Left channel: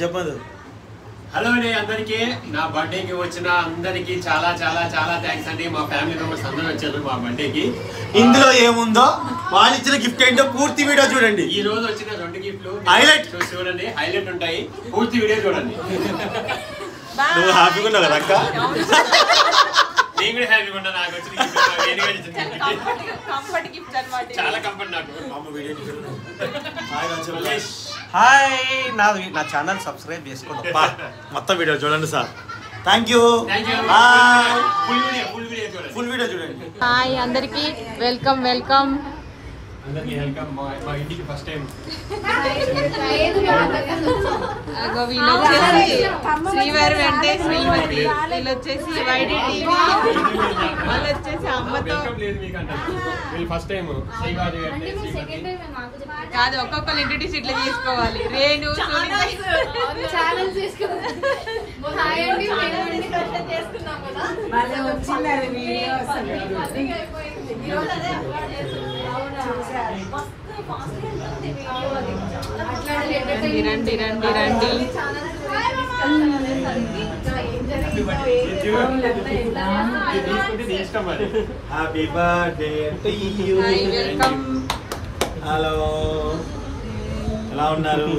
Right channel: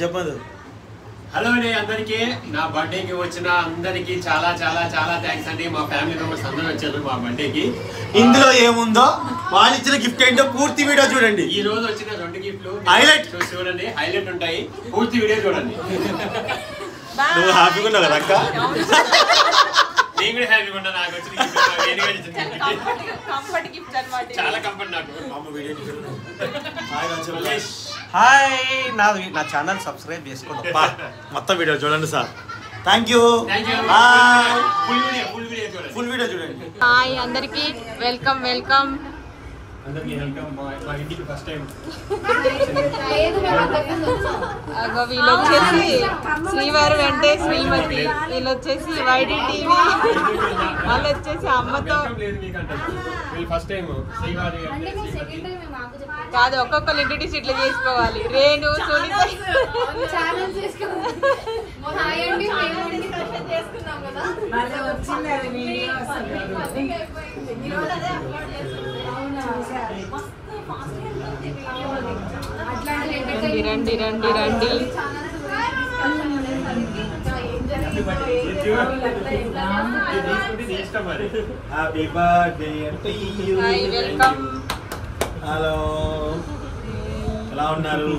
చెప్పదు. హలో అండి అందరికి, నా బర్త్డేకి వచ్చిన అందరికి చాలా చాలా చాలా థ్యాంక్స్ అండి. మా ఫ్యామిలీ మెంబర్స్ అందరూ వచ్చారు మా బర్త్డేకి. ఇందులో ఏముందో వాళ్ళు ఇచ్చిన గిఫ్ట్ ఏంటో పూర్తి వీడియో చూడండి. ఈ రోజు వచ్చిన 2 గిఫ్ట్లు హైలైట్ చూడండి, హైలైట్ ఉంటాయి. పూర్తి వీడియో చూడండి. నువ్వు హ్యాపీగా ఉన్నావు కదా అక్క? నేను కూడా హ్యాపీగా ఉన్నా. నాకు వచ్చిన గిఫ్ట్ చాలా కంఫర్ట్ నాకు. హాయ్, నా ఛానల్ సబ్స్క్రైబ్ చేసుకోండి. మొత్తం వీడియో చూడండి sir. Thank you. Full video చూడండి. హాయ్ అందరికి, వెల్కమ్ వెల్కమ్. అందరికీ వెల్కమ్. మా ఇంటికి ఫస్ట్ టైం వీళ్ళు వచ్చేసి శ్రీవారి వెంకటేష్, వీళ్ళు వచ్చేసి వైడి టీవీ, వాళ్ళు వచ్చేసి అమ్మతో ఫస్ట్ టైం కాదు, ఒక్కొక్కరు ఇంట్రడ్యూస్ ఇట్లా చేసుకోవాలి. రేణు రండి రండి రండి. Happy birthday to you. Welcome. Hello, ఎలా ఉన్నారు?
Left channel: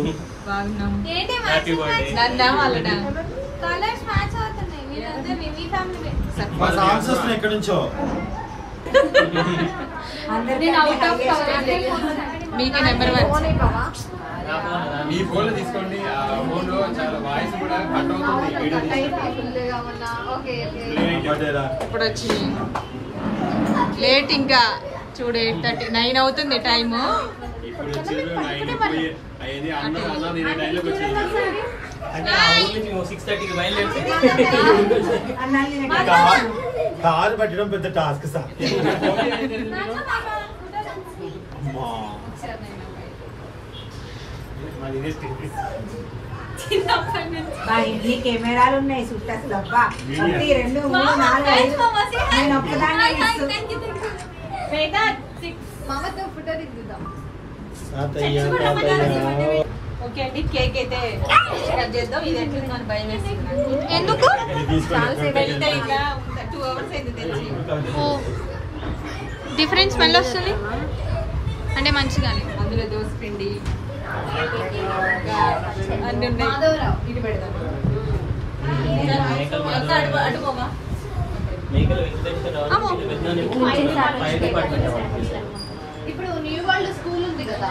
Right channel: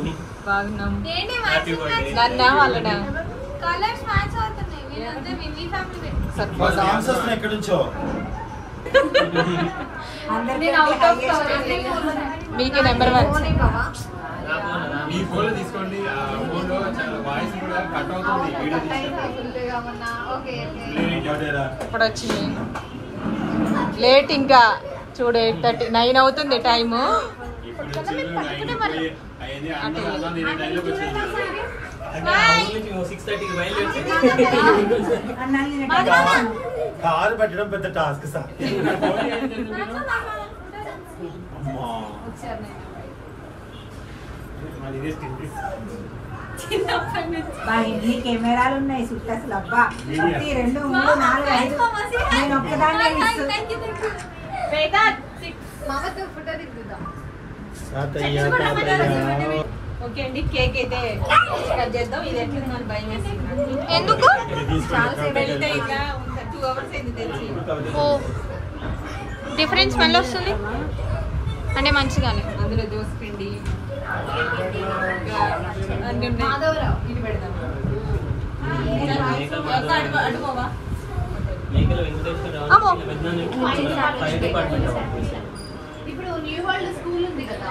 బాగున్నాం. Happy birthday. నన్నా వాళ్ళనా మా సాంగ్స్ వస్తున్నాయి ఎక్కడి నుంచో. మీకే నెంబర్ 1. మీ ఫోన్ తీసుకోండి. ఆ ఫోన్ లో చాలా వాయిస్ కూడా కట్ అవుతుంది. వీడియో ఇప్పుడు వచ్చింది లేట్, ఇంకా చూడు 8:39 అవుతుంది టైము. ఇప్పుడు వచ్చేది 9 అయ్యింది. అన్న నేను టైంలోకి వచ్చేది. కారు పెట్టడం పెద్ద టాస్క్ సార్. ఇంటి కెమెరాలు ఉన్నాయి చుట్టూ. అబ్బా 1 2 3 4 5 నేను ఒక్కదాన్నే ఓకే అండి, కేక్ అయితే కట్ చేద్దాం. ఇది ఎట్లుంది నాకు భయం వేస్తుంది. ఎందుకు వెళ్తే ఇంకా 2 hours అయింది తెలిసి. డిఫరెంట్ స్మెల్ వస్తుంది అంటే మంచిగానే. అందులో దోస పిండి అన్ని ఉన్నాయి. ఇది పెడదామా? అడుకోవా? ఇప్పుడు న్యూ వరల్డ్ స్కూల్ ఉంది కదా,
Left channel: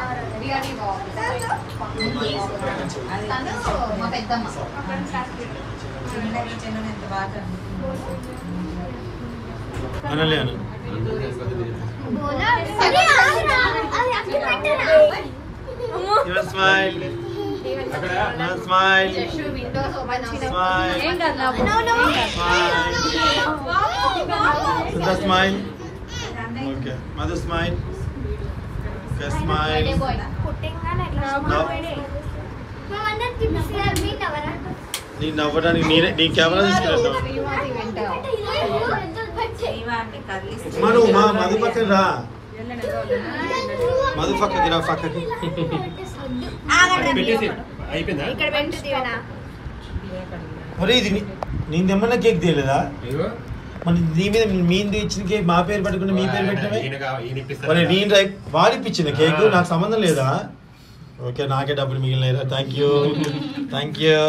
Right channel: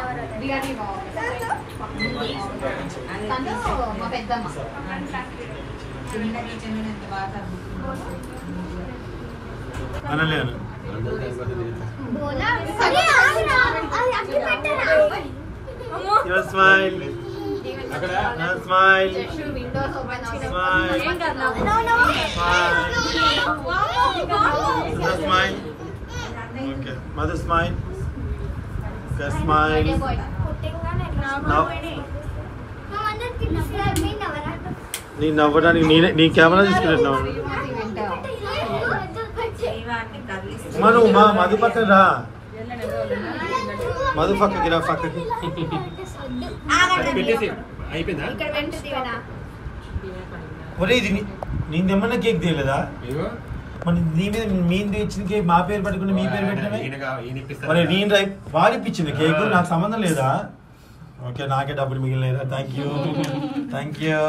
మా పెద్దమ్మ అనలేను. Your smile. Your smile. Smile. Smile. Smile. Okay. Mother smile. Okay, smile. Now. నీ నవ్వడానికి నీ కెమెరా తీసుకెళ్ళాను. మను మా మధు పక్కన రా. మధు పక్కకి రా, పక్కకి. అయిపోయిందా? మరి ఇది నేను తెమ్మన్నా కేక్ తీయలేదా? మరి నీ మీద మీది ఇచ్చిన కేక్ మా పేరు పట్టుకుని మీ పేరు పెట్టినవే. మరి నేను వాడిపించిన కేక్ నాకు సంబంధం లేదా? ఓకే, నాకే డబ్బులు మిగిలినాయిరా. Thank you, thank you.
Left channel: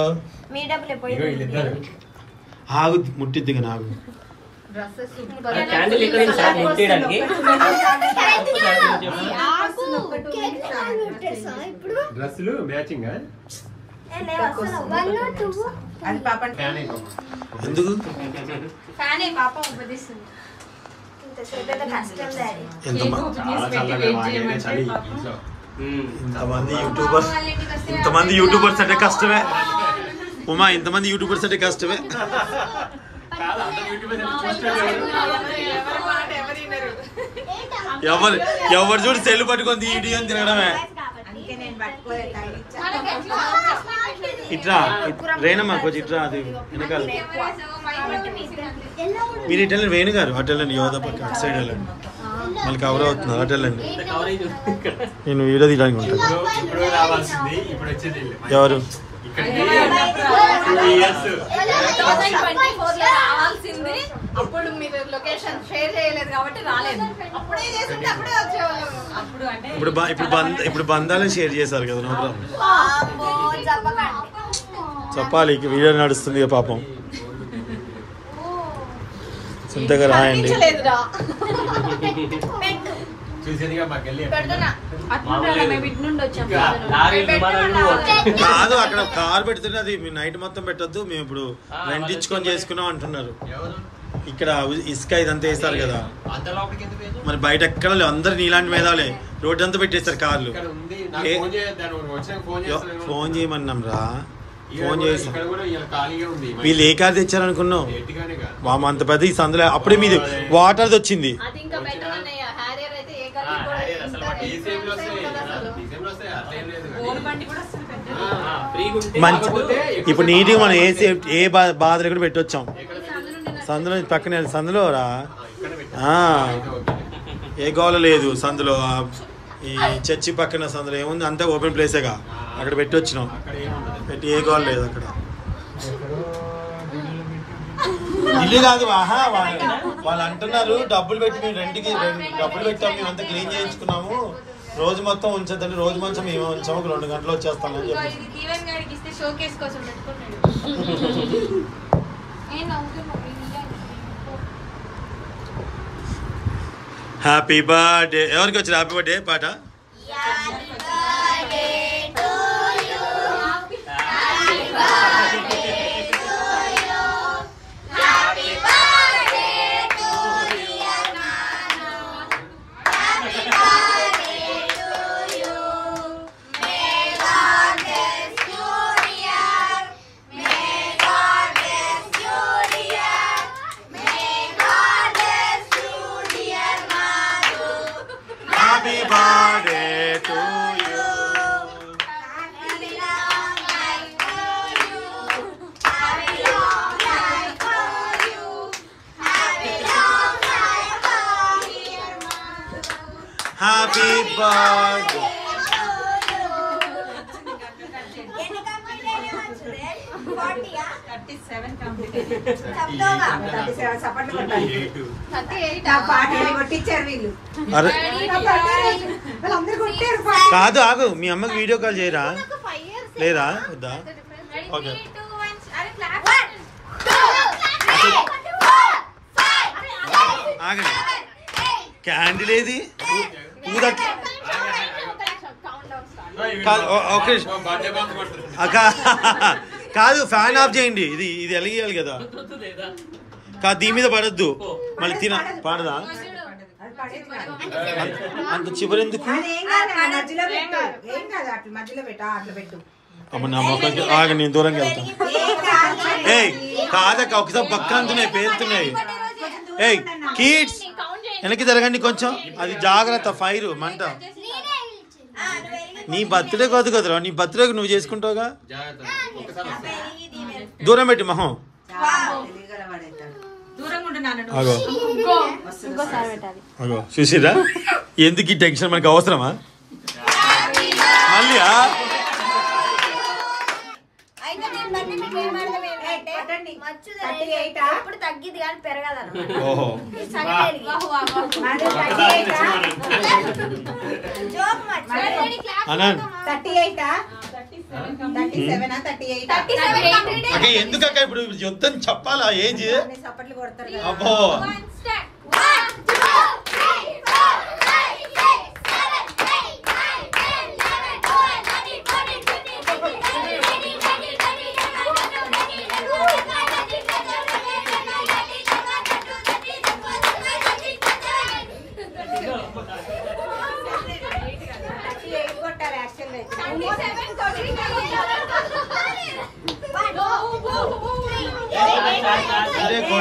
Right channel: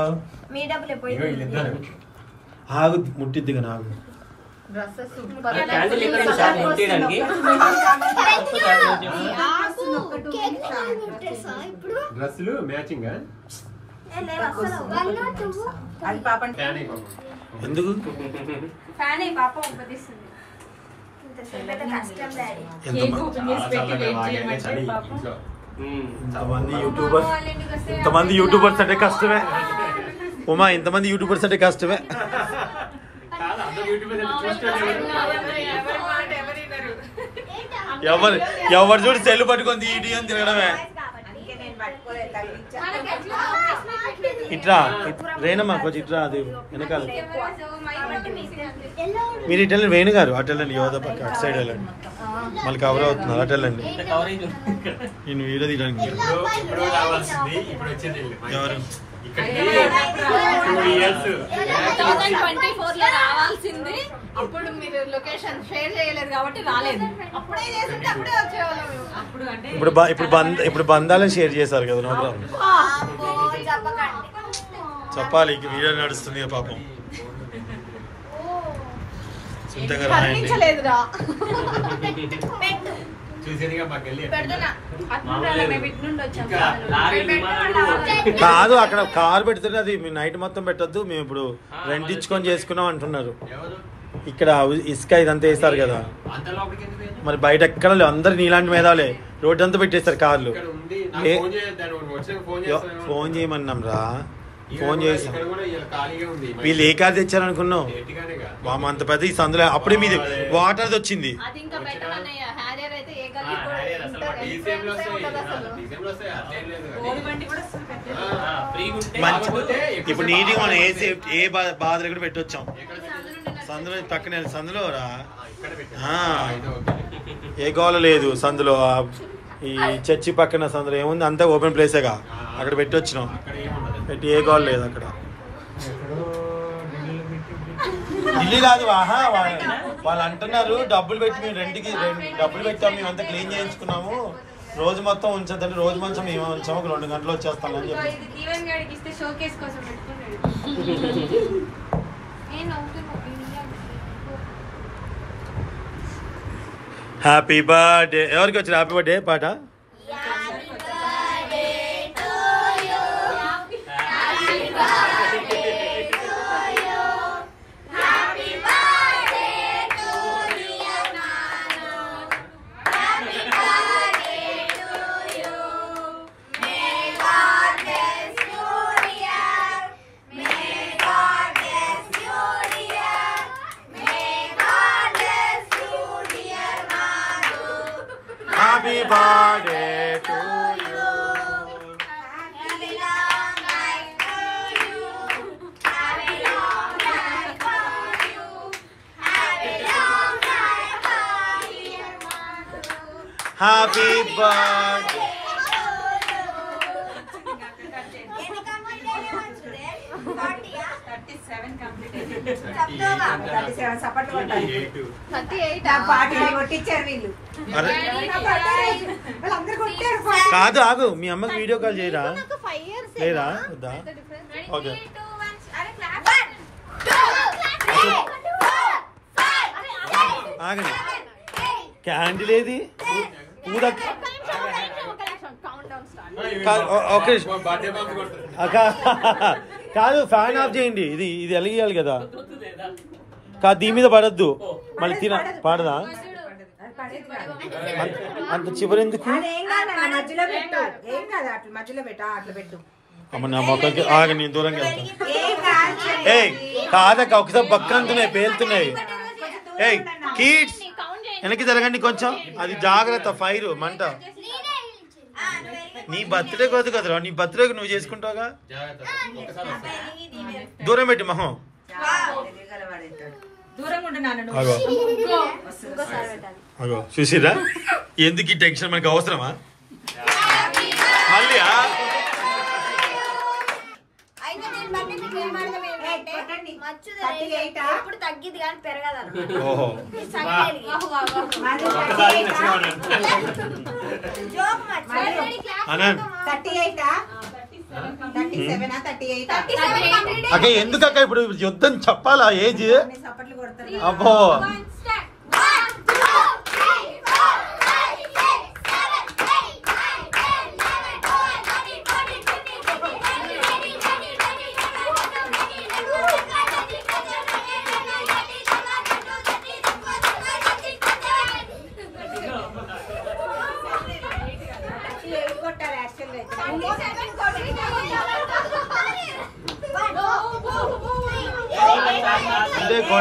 ఆగు, ముట్టిద్దిగా నాకు. డ్రెస్సులు మ్యాచింగ్ ఎందుకు? ఇంతమంది యూట్యూబర్స్ అంటే కష్టమే ఉమా. ఇంతమంది యూట్యూబర్స్ అంటే కష్టమే. ఎవరు చూడు సెల్ పట్టుకొని ఇటు అని తిరగడమే. ఇట్రా రేనమ్మా, కొంచెం ఇట్రా. అది వెనకాల మీరు ఇటు వెళ్ళండి. వేణు గారు అటు వెళ్ళండి. యోధ పక్క అటు సైడ్ వెళ్ళండి. మళ్ళీ కవర్ అవుతున్నారు అటు వెళ్ళండి. నేను వీడియో తీయడానికి ఉంటాను. ఇప్పుడు రావాల్సింది ఇప్పుడు వచ్చేది ఎవరు 2024 లో రావాల్సింది. అప్పుడు మీరు లొకేషన్ షేర్ చేయలేదు కాబట్టి రాలేదు. అప్పుడే చేస్తుంటే అప్పుడే వచ్చేవాళ్ళం. అప్పుడు అంటే ఇప్పుడు బంధాలను షేర్ చేశారు కదా. No problem. చెప్పాలి వీడియో నడుస్తుంది పాపం. చింతగా రాయండి. కాదు అక్కడ కార్ పెడుతుంటే అది నైట్ మొత్తం పెట్టొద్దు, మేము ఇప్పుడు రెంట్ ఇచ్చుకొని చేసుకున్నాం అంటున్నారు. ఇక్కడ ఇసుక ఇదంతా వేస్తారు కదా, మరి బయట ఎక్కడ అందరు నీలాంటి మేధాలే రోడ్డు అంతా పెట్టేస్తారు కార్లు. ఫోన్ చేయమన్నాం రా, ఫోన్ చేసాం. వీళ్ళు ఏ కార్ తెచ్చారనుకున్నావు? మామ అంత పెద్ద ఈ సందులో అప్పుడే మీది వాటర్ది వచ్చింది. ఇప్పుడు నీట్గా మనం ఏ బాధ కూడా పెట్టొచ్చాం. సందులో పక్కన సందులో రా, ఏ గోల లేదు సందులో. ఈ చర్చి పక్కన సందులో ఏముంది, అంతా ఓపెన్ ప్లేసేగా, అక్కడ పెట్టి వచ్చినాం. పెట్టి ఏ గోల లేదు అక్కడ. ఇల్లు కాదు వాహా, వాళ్ళు అంటున్నారు డబ్బులు పెట్టి మేము రెంట్కి డబ్బులు పెట్టాము, మేము అంతా క్లీన్ చేయించుకున్నాము, రోజు మొత్తం ఉంచద్దని. రోజు మొత్తం మేము ఉంచాము, 2 గంటలు వచ్చేస్తామని చెప్పి. Happy birthday. ఎవరికి వచ్చారు హ్యాపీ బర్త్డే పాట? Happy birthday to you. Happy long life to you. Happy long life to you. Happy long life to you. Happy birthday. కాదు ఆగు, మీ అమ్మకి వీడియో కాల్ చేయరా? లేదా వద్దా? ఓకే ఆగండి. క్యాండిల్ ఏది? కాదు, ఫ్యాన్ ఆఫ్ చేయండి. ఇది వెలిగేయాలి కదా. కాదు దీని మీద పడద్దు, మళ్ళీ పాడదా? అంత చివరెందుకు? అమ్మ నా మొక్కకి ఆగండి, నేను దూరంగా వెళ్తాను. ఏయ్ కాదక్క, ఒకసారి బక్క అంటున్నాయి, పేలుతున్నాయి. ఏయ్ కిడ్స్ వెనక్కి జరగండి కొంచెం, అది జాగ్రత్త, ఫైర్ మంట. నీ బర్త్డే కాదు కదరా, నీ బర్త్డేకి నువ్వు చేసుకుంటావుగా. దూరం పెట్టి మొహం. అగో అగో చూసిరా, ఎందుకు ఈ టెన్షన్, మనకి అవసరమా మళ్ళీ? తగ్గిది కానీ పెరగదు. ఓహో ఎందుకక్క ఇప్పుడు యుద్ధం చెప్పాలా? ఏజ్ అబ్బో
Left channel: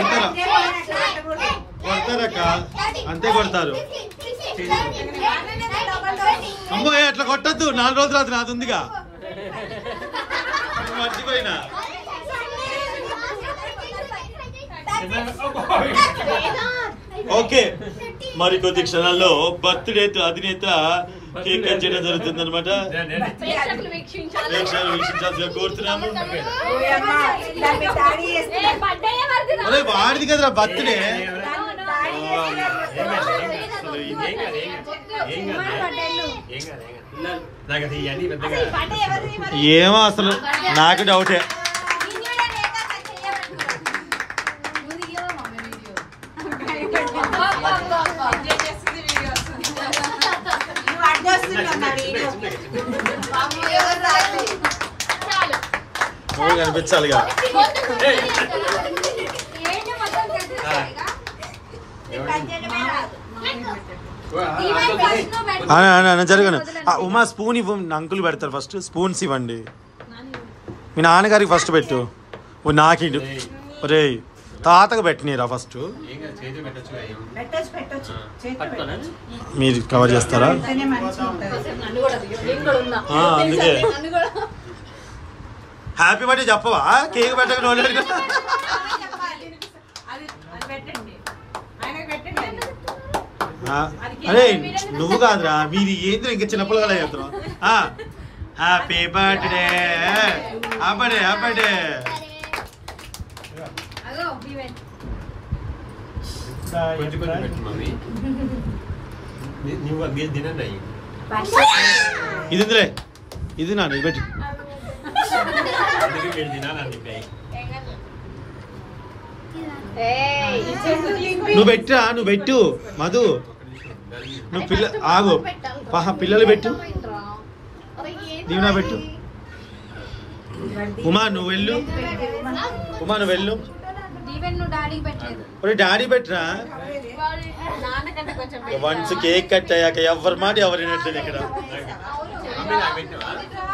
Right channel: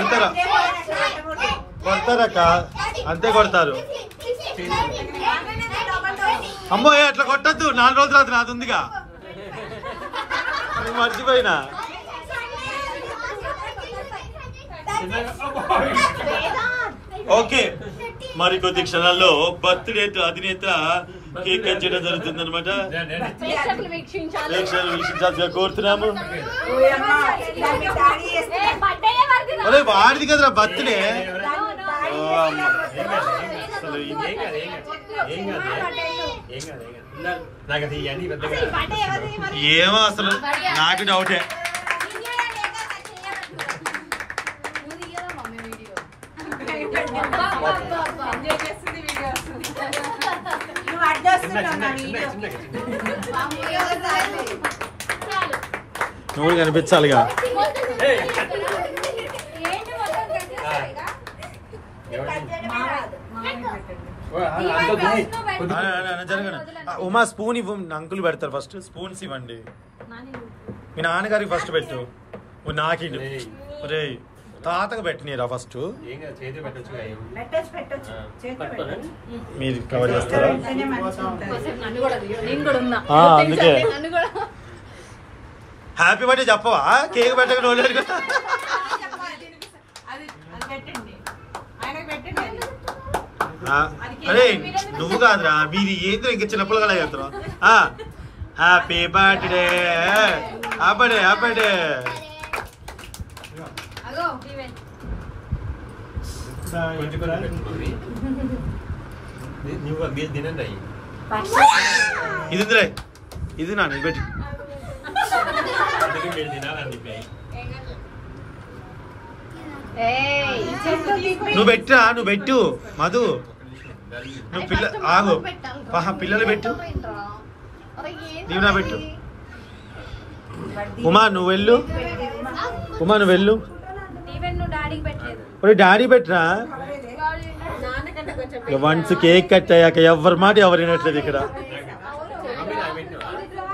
అంటే కొడతారక్క, అంతే కొడతారు. అమ్మో అట్లా కొట్టద్దు, 4 రోజులు రాత్రి నాది ఉందిగా, మర్చిపోయినా. ఓకే మరికొద్ది క్షణాల్లో బర్త్డే అధినేత కేక్ కట్ చేయడం జరుగుతుంది అనమాట. ప్రేక్షకులు వీక్షించాల్సిగా కోరుతున్నాము. వాడిది కదరా బర్త్డే. ఏమో అసలు నాకు డౌటే. కనిపించాలి. జరగను. ఉమా స్పూన్ ఇవ్వు. అంకుల్ పెడతారు ఫస్ట్. స్పూన్స్ ఇవ్వండి. మీ నాన్నగారికి ఫస్ట్ పెట్టు. నాకు ఒరే తాతకు పెట్టినరా ఫస్ట్. మీరు కవర్ చేస్తారా? అందుకే హ్యాపీ బర్త్డే చెప్పవా? కేక్ పెట్టక నోలేదు కదా. అరే నువ్వు కాదురా, మీరు ఏంద్ర ఇంకా చిన్నప్పుడు కదా చెప్తారు. హ్యాపీ బర్త్డే అబ్బడే అబ్బడే. ఇది ఇది నా పెట్టి నువ్వు పెట్టా. నువ్వు పెట్టు మధు. నువ్వు ఆగు. పిల్లలు పెట్టు. దీవెనా పెట్టు. ఉమా నువ్వు వెళ్ళు. ఉమా నువ్వు వెళ్ళు. డాడీ పెట్టరా. మంచి కేక్ కట్ అయ్యాక ఎవరి మాట ఎవరు వినట్లేదు ఇక్కడ.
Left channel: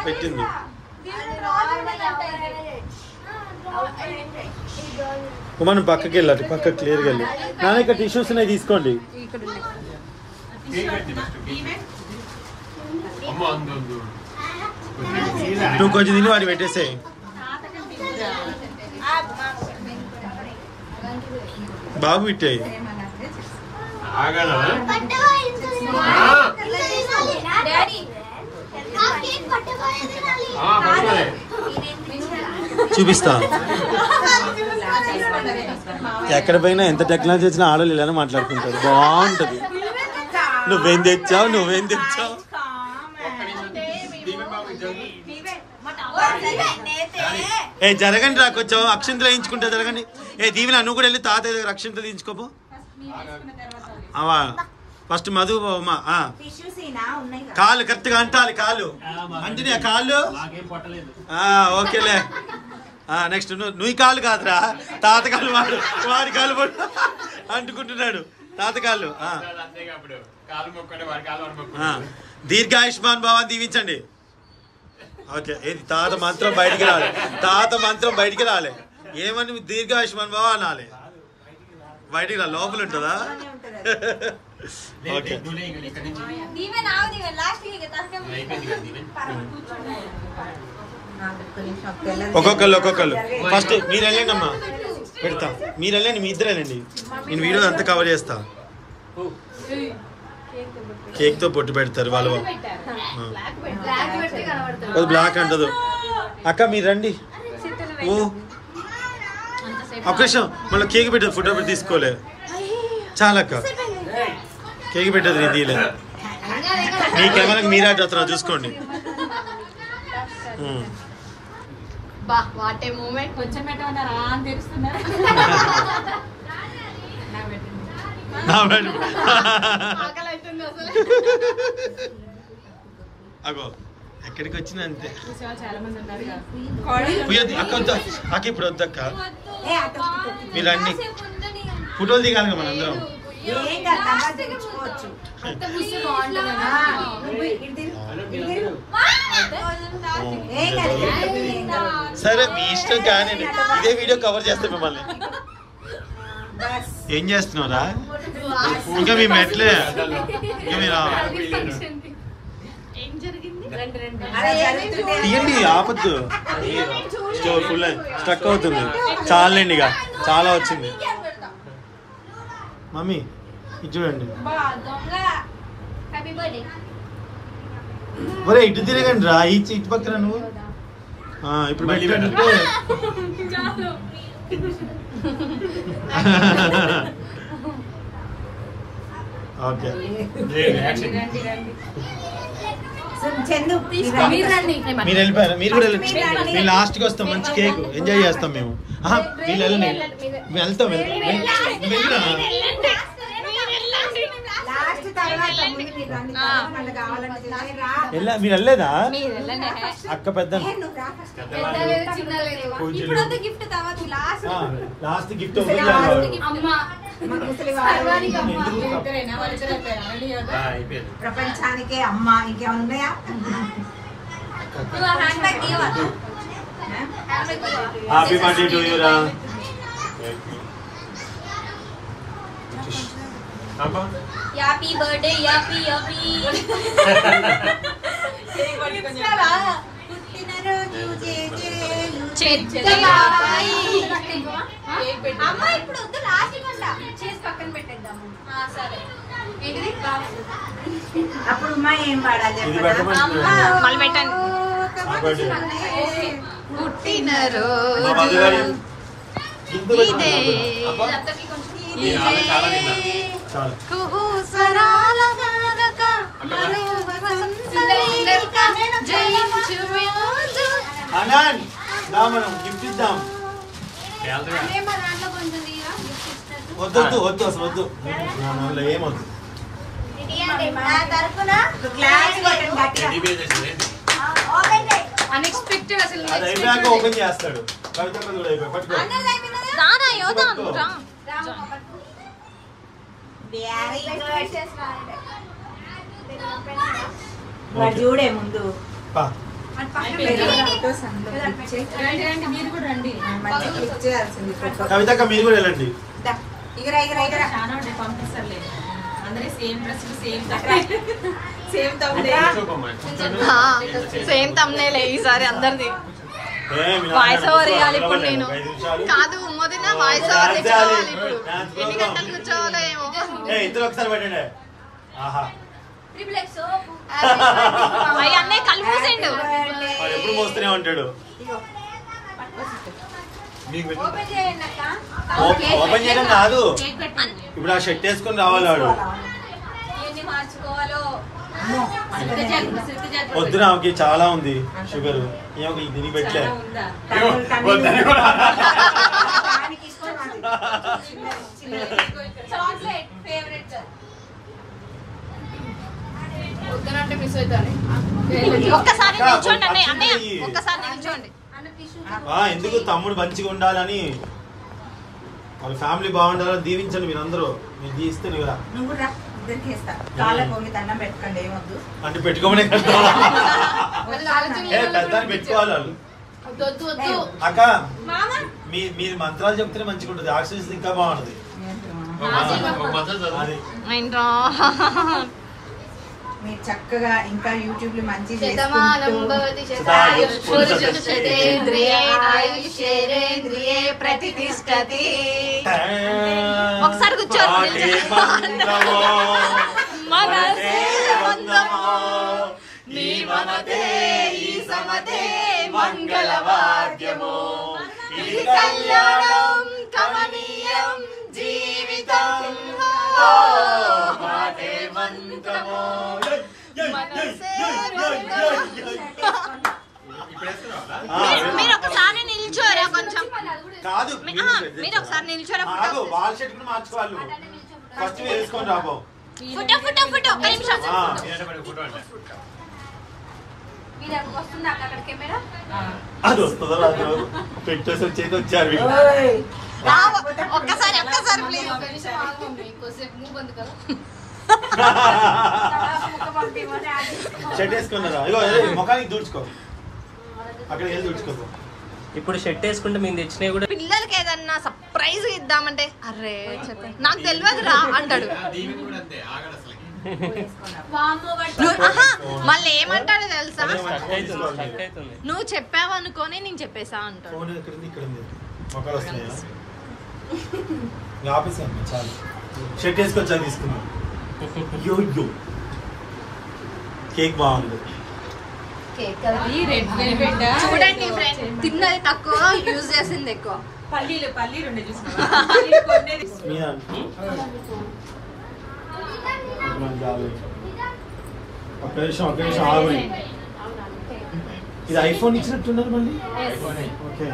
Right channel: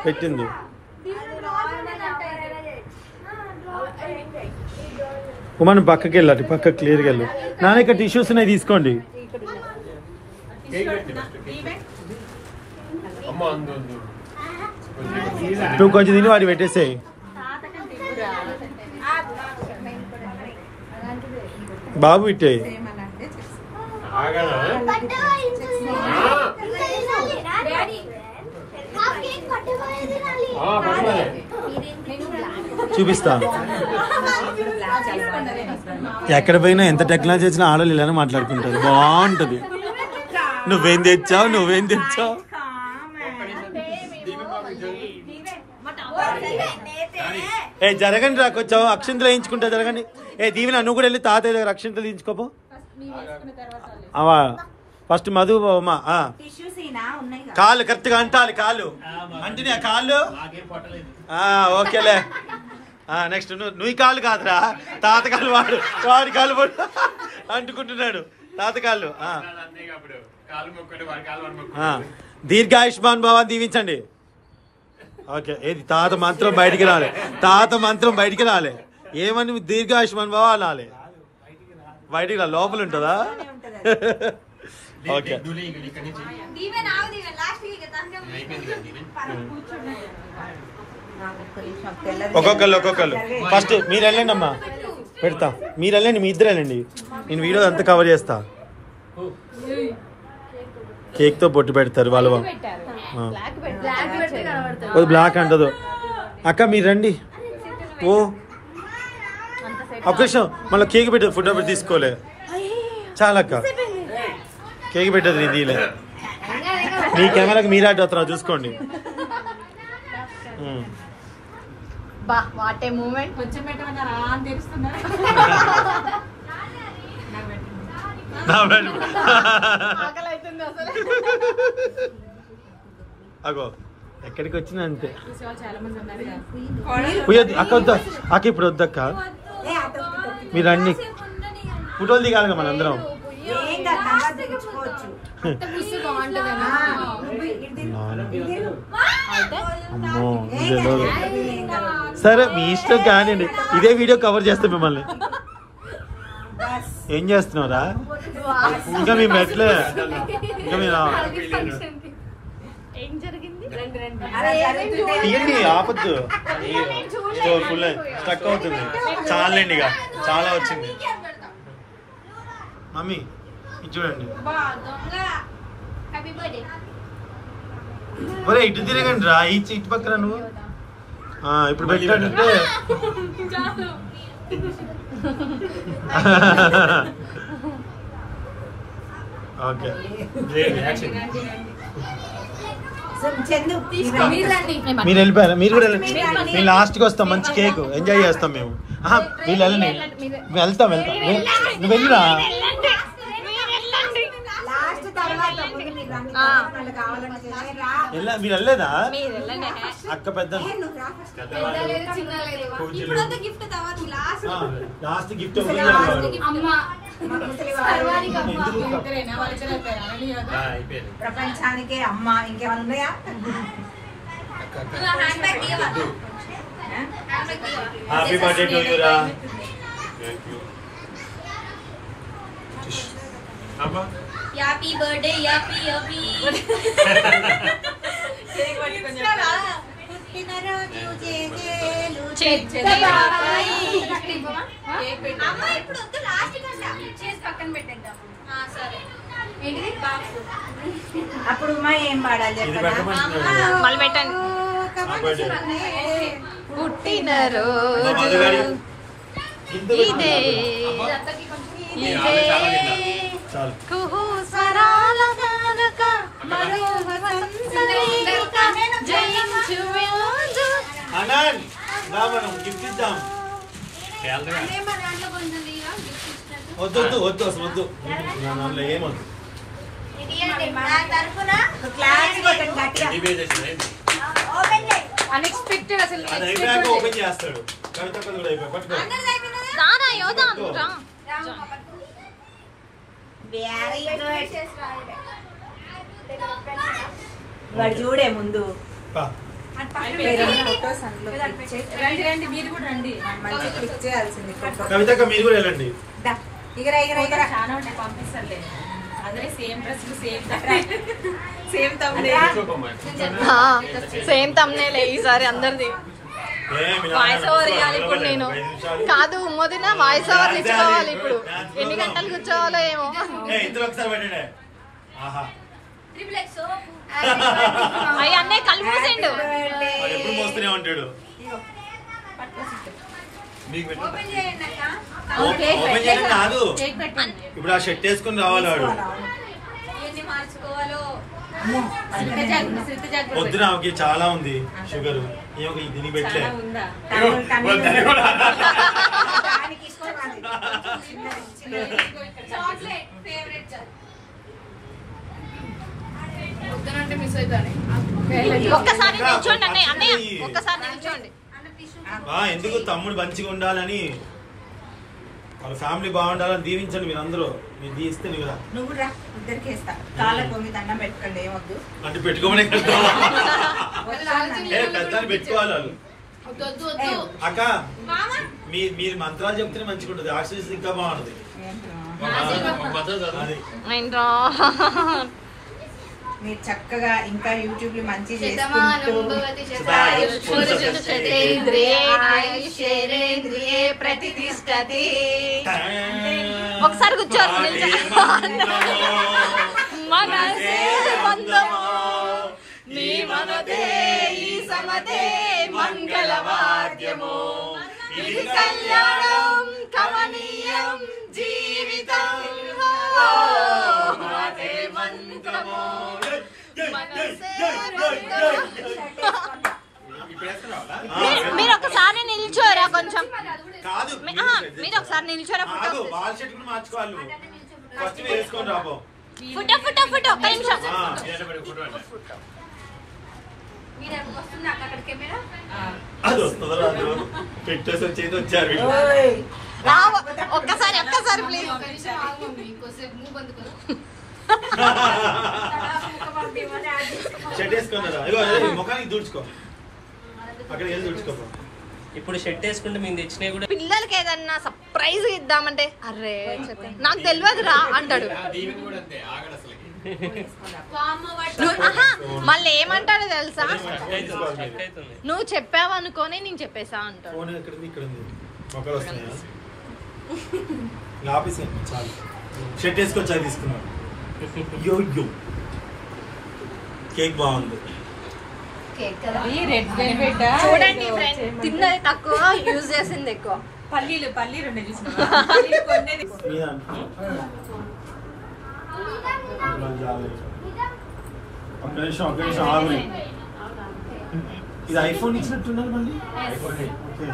పెట్టింది. ఉమా నువ్వు పక్కకి వెళ్ళాలి. పక్కకి క్లియర్గా వెళ్ళి. నా ఇక్కడ టిష్యూస్ ఉన్నాయి తీసుకోండి. నువ్వు కొంచెం తిని వాటి పెట్టేసాయి. బాబు ఇట్టే చూపిస్తా. ఎక్కడ పోయినా ఎంత టెక్నాలజీ వచ్చినా ఆడలు ఇలా మాట్లాడుతుంటారు. బాగుంటది. నువ్వేం తెచ్చావు. ఏ జరగండి రా కొంచెం. అక్షింతలు వేయించుకుంటా జరగండి. ఏ దీవెన నువ్వు కూడా వెళ్ళి తాతయ్య దగ్గర అక్షింతలు తీయించుకోపో. ఫస్ట్ మధు కాళ్ళు కరెక్ట్గా అంటాలి. కాళ్ళు అంటే కాళ్ళు ఓకేలే. నెక్స్ట్ నువ్వు కాళ్ళు కాదురా తాత కాళ్ళు. వాడి కాళ్ళు పడు అంటుకుంటున్నాడు. తాత కాళ్ళు. దీర్ఘాయుష్మాన్ భవ దీవించండి. ఓకే. తాత మంత్రం బయటికి రాలి. తాత మంత్రం బయటికి రాలే. ఏమని దీర్ఘాయుష్మాన్ భవ అనాలి. బయటికి రా. లోపల ఉంటుందా? ఓకే. ఒక్కొక్కళ్ళు ఫస్ట్ మీరు వెళ్ళండి అమ్మా. పెడతా. మీరు వెళ్ళండి. మీ ఇద్దరు వెళ్ళండి. నేను వీడియో అంతా కవర్ చేస్తా. కేక్ తో బొట్టు పెడతారు వాళ్ళు. బ్లాక్ అంటదు. అక్క మీరు రండి. ఓ ఒక్క నిమిషం. మళ్ళీ కేక్ పెట్టదు. ఫోటో పెట్టి తీసుకోలే. చాలా అక్క కేక్ పెట్టదు. నేను తీయలే. మీ కెమెరాకి మీరే అడ్డు చూసుకోండి. అగో ఎక్కడికి వచ్చినా అంతే. అక్క వద్దా అక్క. ఇప్పుడు వద్దక్క. మీరు అన్ని ఫోటోలు దిగాలి మన అందరం. సరే మీ ఇష్టం కానీ ఇదే వీడియో కవర్ చేస్తే మిమ్మల్ని. ఏం చేస్తున్నావురా? ఇంకా మీ మెట్లే. ఇంకా మీరు తీయండి. ఆపద్దు. ఫుల్ స్టక్ అవుతుంది. చాలండి. ఇక చాలా వచ్చింది. మమ్మీ ఇది చూడండి. Happy birthday. ఒరే ఇటు తిరగండి రా, ఇటు పక్కన నువ్వు. ఇప్పుడు పెట్టంటే ఓకే. చందు మీరు వెళ్ళిపోయారు, మీరు కూడా వెళ్ళండి. మేము లాస్ట్కి వస్తాం, మంచి కేక్ ఎంజాయ్ చేస్తాం మేము. వీళ్ళు వెళ్ళని వెళ్తాం నువ్వు వెళ్ళిరా. మీరు వెళ్ళలేదా అక్క? పెద్ద లాస్ట్ గిఫ్ట్ ప్రపంచానికే అమ్మ. ఇంకేమైనా ఉన్నాయా? హ్యాపీ బర్త్డే టు యు రా. Happy birthday. హ్యాపీ హ్యాపీ అప్పుడు అమ్మ ఏం పాడాలి? మళ్ళీ పెట్టండి. పుట్టినరోజు ఇదే కుహుస్వరాల గానక వసంతరేఖ జయించు వ్యాజు. అనాన్ దా మనం గిఫ్ట్ ఇద్దాం. వద్దు వద్దు వద్దు అసలు వద్దు, అందులో ఏమొద్దు. అన్ఎక్స్పెక్టెడ్ అసలు. అది అయిపోయాక ఓపెన్ చేస్తాడు. కవిత కూడా అయిపోయి పట్టుకో. రానా యోదాను రా. చూడే ముందు పా. కవితక్క మీరు కూడా వెళ్ళండి. సేమ్ తమ్నేలే ఈసారి అందరిది. వాయిస్ ఓవర్ ఇవ్వాలి ఇప్పుడు నేను. కాదు మొదట వాయిస్ ఓవర్ ఇచ్చుకోవాలి ఇప్పుడు. ఎన్ని గంటలు కూర్చోవాలో ఏమో. అయ్యి అన్నయ్య కళ్ళు మూసిండు. మోస్తూనే ఉంటాడు. ఓపెన్ చేయడం కాదు, ఇప్పుడు ఆ షర్ట్ వేసుకుని రావాలి వాడు. వద్దు, ఆమెకి చాలా ఉంది షుగర్. ఏమో దీనికి పెట్టలే. ఒక్కసారి నిల్చోండి అన్నయ్య. అన్నయ్య ఒక్కసారి నిల్చోండి. ఎందుకు తమ్ముడు మంచిగా ఉండాలని, వాళ్ళ ఫ్యామిలీ బాగుండాలని దీవించండి మీరందరూ. మీరు దీవిస్తే నువ్వు రా, ఇద్దరికి ఇస్తా. కాళ్ళ పొంగి దండం పెట్టుకోండి, ఏమొద్దు అంటే పెట్టుకోమనే పెద్ద పెట్టుకోవాలి వాళ్ళు. అక్క మీరు మంత్రాలు చెప్తేనే మంచిగా ఉంటుంది, ఆక్సిజన్ ఇంకా బాగుంటుంది. మీరు చక్కగా ఇంకా యూట్యూబ్ లో మంచి చేసుకుంటూ ఒకసారి కూర్చోండి. మనసే బంధమో నీ మనదే ఈ సమదే మంగళవాద్యమో ఇది కళ్యాణం కమనీయం జీవితం మాటే మంత్రమో మీరు ఒకసారి నిల్చోరా కొంచెం. మీరు ఒకసారి నిల్చోరా. ఫోటో ఫోటో ఫోటో ఫోటో ఒక్క నిమిషం. పెట్టేసి వచ్చేది వచ్చారు. ఒక్కసారి ఒక్కసారి ప్లీజ్. షర్ట్ వేసుకున్నారా? ముఖానికి దూడ్చుకో, అక్కడికి వెళ్ళి దూడ్చుకో. ఇప్పుడు షర్ట్ వేసుకుంటే మేము తెచ్చినవి కూడా. పిల్లలకి ఏదన్నా సర్ప్రైజ్ ఇద్దామంటే అరే నాకు తెలియదురా అంటాడు. మళ్ళీ ఏమంటాడో తెలుసా, నువ్వు చెప్పావు అనుకోని నేను చెప్పేసా అంటాడు. చాలు షర్ట్ వేసుకొచ్చాక తీసుకున్నాను. యో యో కేక్ బాగుంది. చూడండి ఫ్రెండ్, తిన్నది తక్కువ, యూజ్ చేసింది ఎక్కువ. పల్లీలు ఉండే చూసిన ఒక్క నిమిషం ఆగండి. ఇది ఐఫోన్ ఇచ్చినట్టున్నారు మళ్ళీ. Okay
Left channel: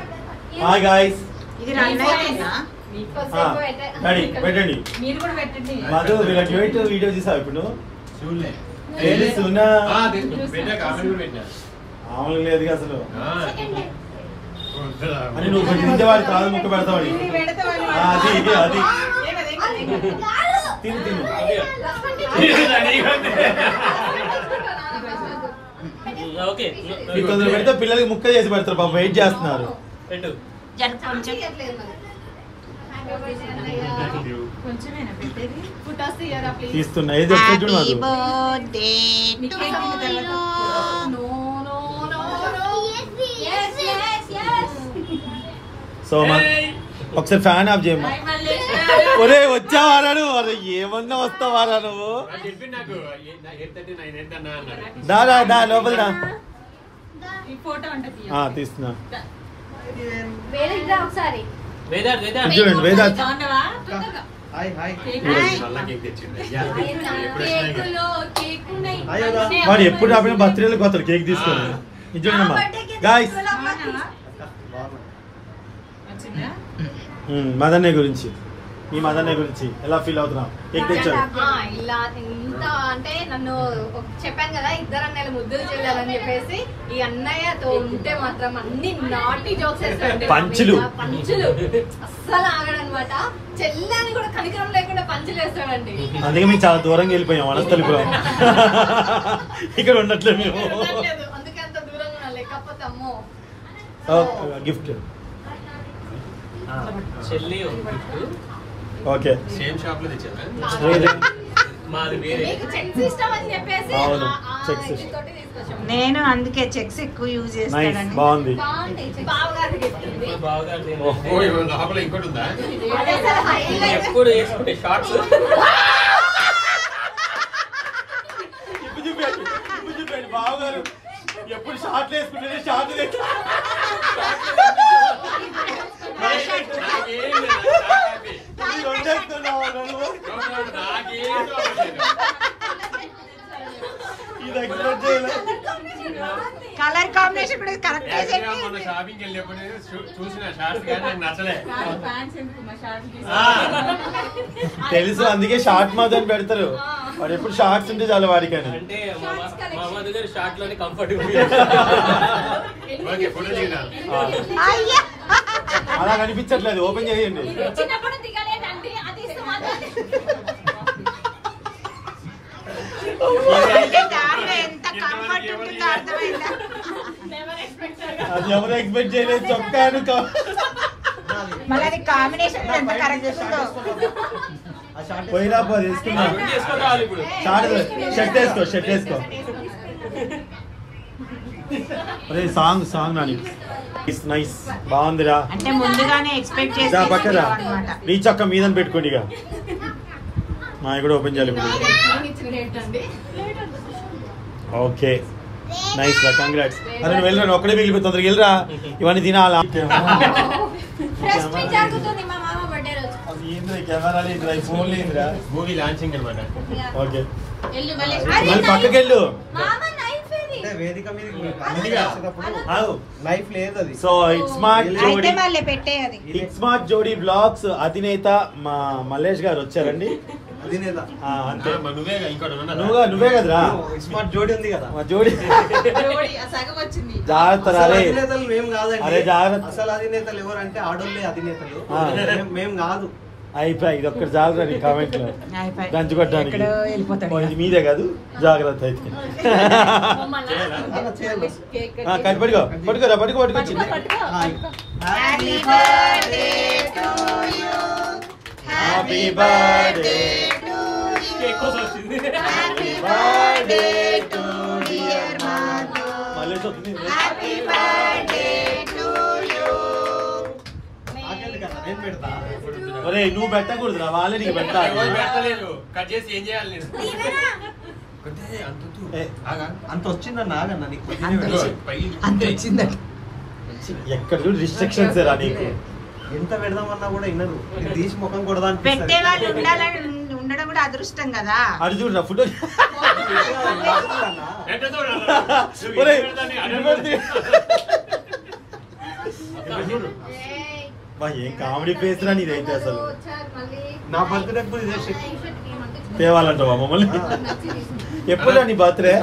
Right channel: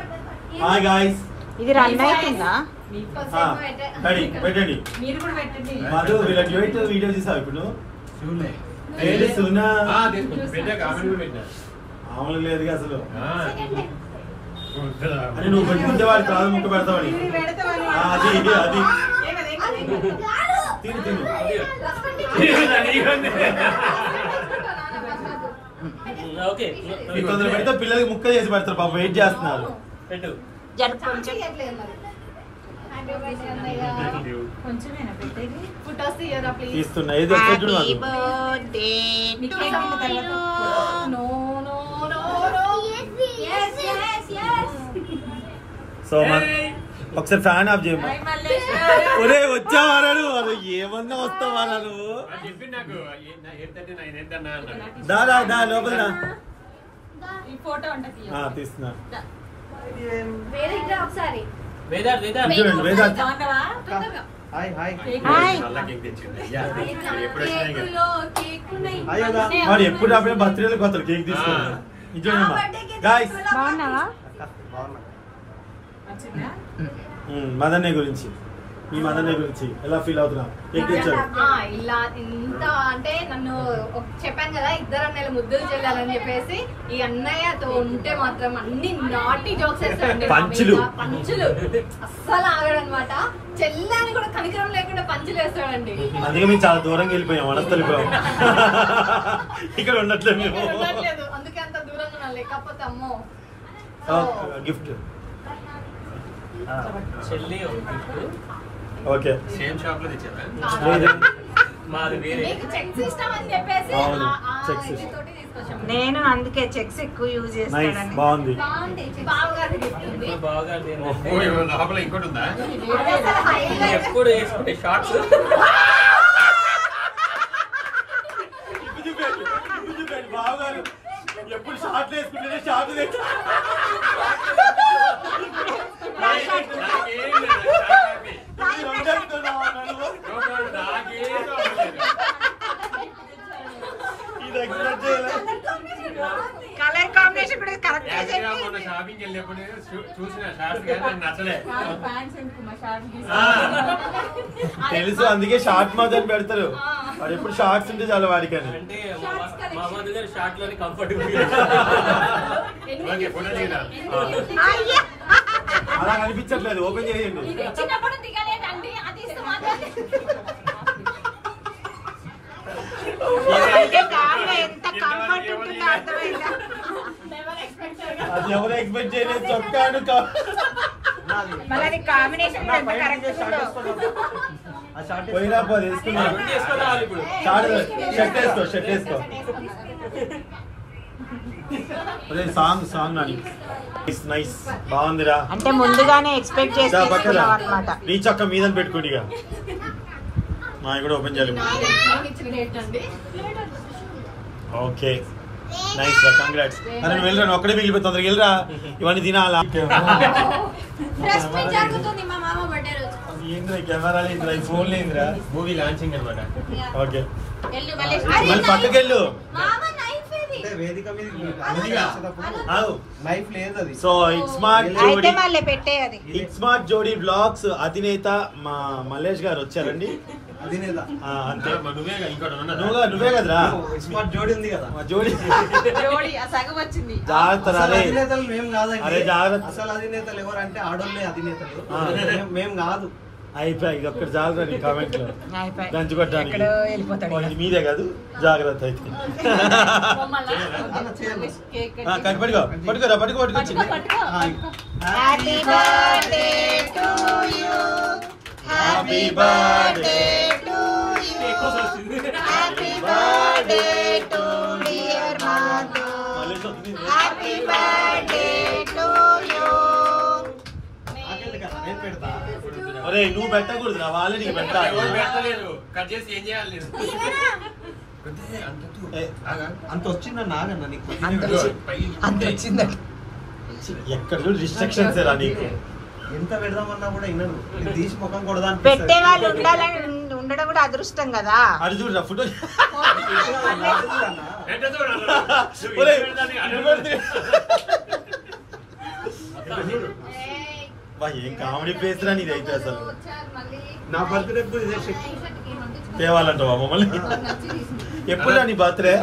hi guys. ఇది రన్ అవుతుందా? పెట్టండి. మీరు కూడా పెట్టండి. కాదు వీళ్ళ వీడియో తీసావు ఇప్పుడు. మామూలు లేదు అసలు. అని నువ్వు కొట్టుకుంటే వాడి ప్రాణం ముక్క పెడతావు. అది తిను ఓకే పెడితే పిల్లలకి ముక్క చేసి పెడతారు. పాపం వెయిట్ చేస్తున్నారు. పెట్టు. కొంచెమేనా పెట్టేది? తీస్తున్నా. సో ఒకసారి ఫ్యాన్ ఆఫ్ చేయమా. ఒరే వచ్చావారా నువ్వు? ఏమన్నా వస్తావారా నువ్వు? దా లోపల తీస్తున్నా. వాడు ఎప్పుడు అప్పుడు బర్త్డేలకు పోతారు కేక్ తీసుకున్నా. గాయ్స్ మదన్నే గురించి, ఈ మదన్నే గురించి ఎలా ఫీల్ అవుతున్నావు? ఇలా ఇంత అంటే నన్ను చెప్పాను కదా, 2 అన్నయ్యలు ముద్దులు చెల్లాలని చెప్పేసి, ఈ అన్నయ్యతో ఉంటే మాత్రం అన్ని నాటి జోక్స్ వేస్తాడు. పంచులు అస్సలు ఆగడనమాట. చెల్లని కూడా కనికరం లేకుండా పంచులు వేస్తాడండి. అందుకే మేము చాలా దూరంగా వెళ్ళిపోయాం. వెళ్ళిపోయాం ఇక్కడ ఉండట్లేదు. అందుకే అంత దూరంగా ఉన్నా. లేకపోతే అమ్మో గిఫ్ట్ చెల్లి. ఓకే సేమ్ షాప్ లో తెచ్చారా? మాది వేరే. నేను అందుకే చెక్స్ ఎక్కువ యూజ్ చేస్తాను. బాగుంది. లోపల ఇంకోటి ఉందా? ఎప్పుడు వేసుకుంటే షార్ట్స్ ఎప్పుడు షార్ట్లు వేసుకుంటే షార్ట్లు కలర్ కాంబినేషన్ కూడా కరెక్ట్. షాపింగ్ వెళ్ళేప్పుడు చూసిన షార్ట్ కానీ నాకు నచ్చలే. తెలుసు, అందుకే షార్ట్ మాత్రం పెడతారు. వాడు ఎప్పుడు షార్ట్స్ ఉంటే చాలా వాడికి. అంటే మా దగ్గర షార్ట్ లోనే కంఫర్టబుల్. అలా కనిపించట్లేదు. ఓపెన్ చేయండి. ఎంత కంఫర్ట్ ఉంటుందో అర్థమైందా? ఎవరు ఎక్స్పెక్ట్ చేయలేదు. చొక్కాను మళ్ళీ కాంబినేషన్ ఎంత కరెక్ట్ ఉంటుందో. పోయినా షర్ట్ వేసుకో. అదే సాంగ్ అని నైస్ బాగుందిరా. అంటే ముందుగానే ఎక్స్పెక్ట్ చేస్తున్నాం అన్నమాట. నీ చొక్క మీద పెట్టుకోండి. ఇక మా కూడా ఓపెన్ చేయాలి. ఓకే నైస్ రా, కంగ్రాట్స్. అరే నువ్వు వెళ్ళరా, ఒక్కడే మిగిలిపోయి తొందరగా వెళ్ళరా. ఇవన్నీ తినాలా? ఏంద్రా కెమెరా లేదురా, ఫోన్ లేదురా. మూవీ లాంచింగ్ అనమాట. ఓకే పక్కకెళ్ళు. వేదిక మీద లైఫ్ లేదు అది. సో ఇట్స్ స్మార్ట్ జోడీ బ్లాగ్స్ అధినేత మా మల్లేష్ గారు వచ్చారండి. అధినేత నువ్వే కదరా. స్మార్ట్ జోడీ ఉంది కదా, జోడీ జాగ్రత్త. అధినేతలు మేము కాదండి. అరే జాగ్రత్త. అసలు అధినేతలు ఎవరంటే ఆడోళ్ళే అధినేతలు, మేము కాదు. అయిపోయి ఇది ఒక్కటి జాగ్రత్త. నీ కామెంట్ లో గంచుకొట్టడానికి ఇది మీదే కాదు. జాగ్రత్త అయితే పట్టుకోరా, పట్టుకొచ్చి. Happy birthday to you, happy birthday to you, happy birthday to dear Madhu, happy birthday to you. నేను పెడతా. ఒరే నువ్వు పెట్టకూడదురా వాళ్ళే నీకు పెట్టాలి. ఎవరు పెట్టలేదు. కట్ చేసి ఏం చేయాలి నేను? అంత వచ్చిందన్న ఆగన్న నీకు అంత వచ్చిందట. ఎక్కడ చూడు రిస్ట్రిక్షన్స్ రా నీకు. ఎంత పెడదామన్నా కూడా వినరు. ఇది తీసి ముఖం కొడదా పెట్టే వాళ్ళు ఉండాలని ఉండడం కూడా అదృష్టం కదా. అది చూడు ఫోటో. ఏం కామెడీ ఫేస్ రా నీదైతే అసలు. నా బర్త్డే తేవాలంట మమ్మల్ని. ఎప్పుడు నీ బర్త్డే?